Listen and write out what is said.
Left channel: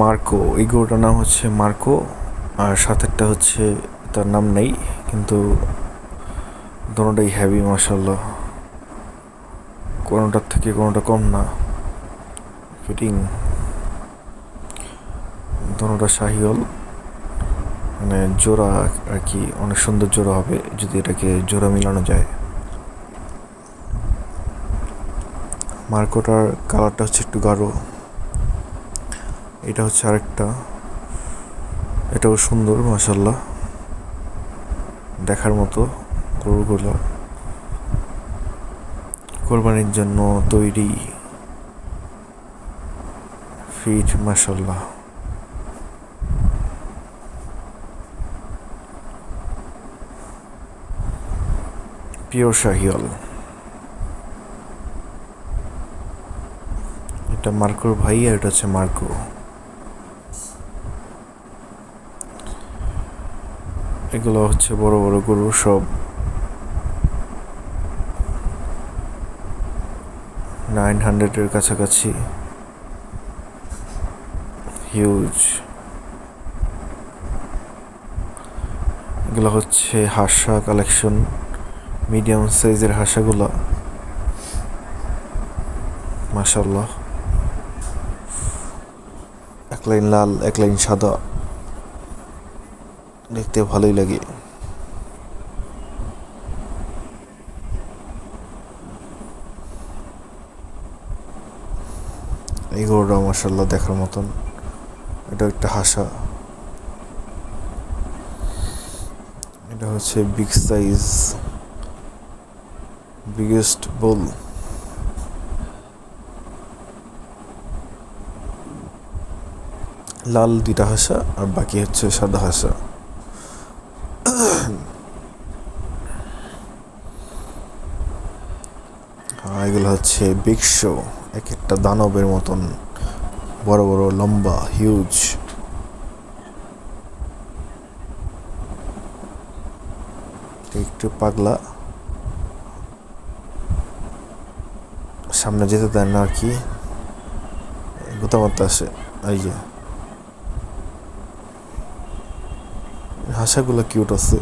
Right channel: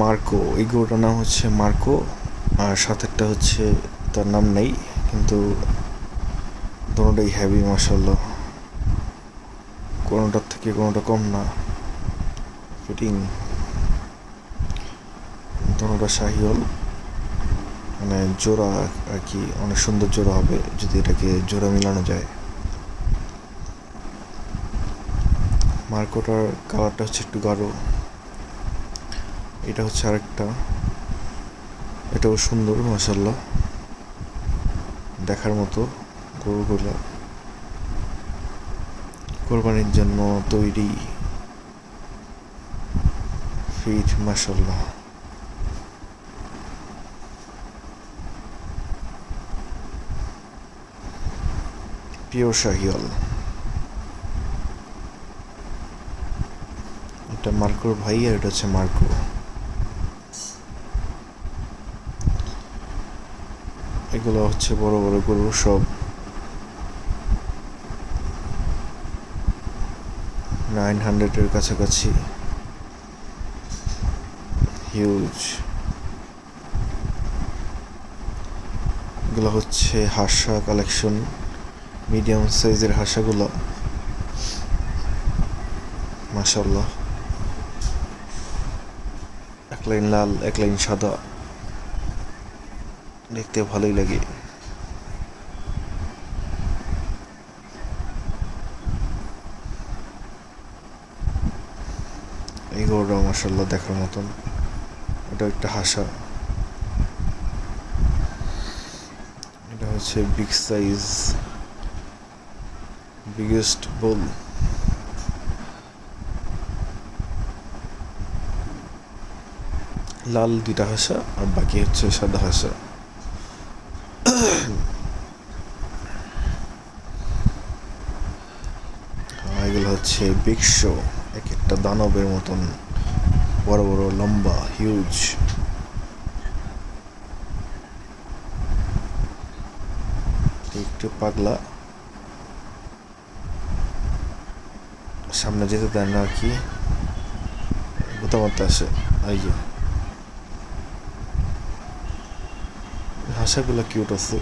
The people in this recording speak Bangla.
মার্কো, এই গরুটার নাম হচ্ছে মার্কো। আর সাথেরটা হচ্ছে তার নাম নেই, কিন্তু দোনোটাই হ্যাভি মাশাল্লাহ, কোনোটার থেকে কোনোটা কম না। ফিটিং দোনোটা শাহিওয়াল, মানে জোড়া আর কি, অনেক সুন্দর জোড়া হবে যদি এটাকে জোড়া মিলানো যায়। মার্কোটার কালারটা হচ্ছে একটু গাঢ়, এটা হচ্ছে আরেকটা, এটাও সুন্দর মাশাল্লাহ, দেখার মতো। গরুগুলো কোরবানির জন্য তৈরি, ফিট মাশাল্লাহ। পিওর শাহিওয়াল। এটা মার্কোর ভাই আর এটা হচ্ছে মার্কো। এগুলো হচ্ছে বড় বড় গরু, সব 900-এর কাছাকাছি, হিউজ। এগুলো হচ্ছে হাসা কালেকশন, মিডিয়াম সাইজের হাসাগুলো মাশাল্লাহ। এক লাইন লাল, এক লাইন সাদা, দেখতে ভালোই লাগে। এই গরুটা মাশাল্লাহ দেখার মতন, এটা একটা হাসা। এটা হচ্ছে বিগ সাইজ, বিগেস্ট বুল। লাল দুইটা হাসা আর বাকি হচ্ছে সাদা হাসা। এগুলো হচ্ছে বিগ শো, এক একটা দানবের মতন বড় বড় লম্বা, হিউজ। একটু পাগলা, সামনে যেতে দেয় না আর কি, গোতা মারতে আসে। এই যে হাসাগুলো কিউট আছে।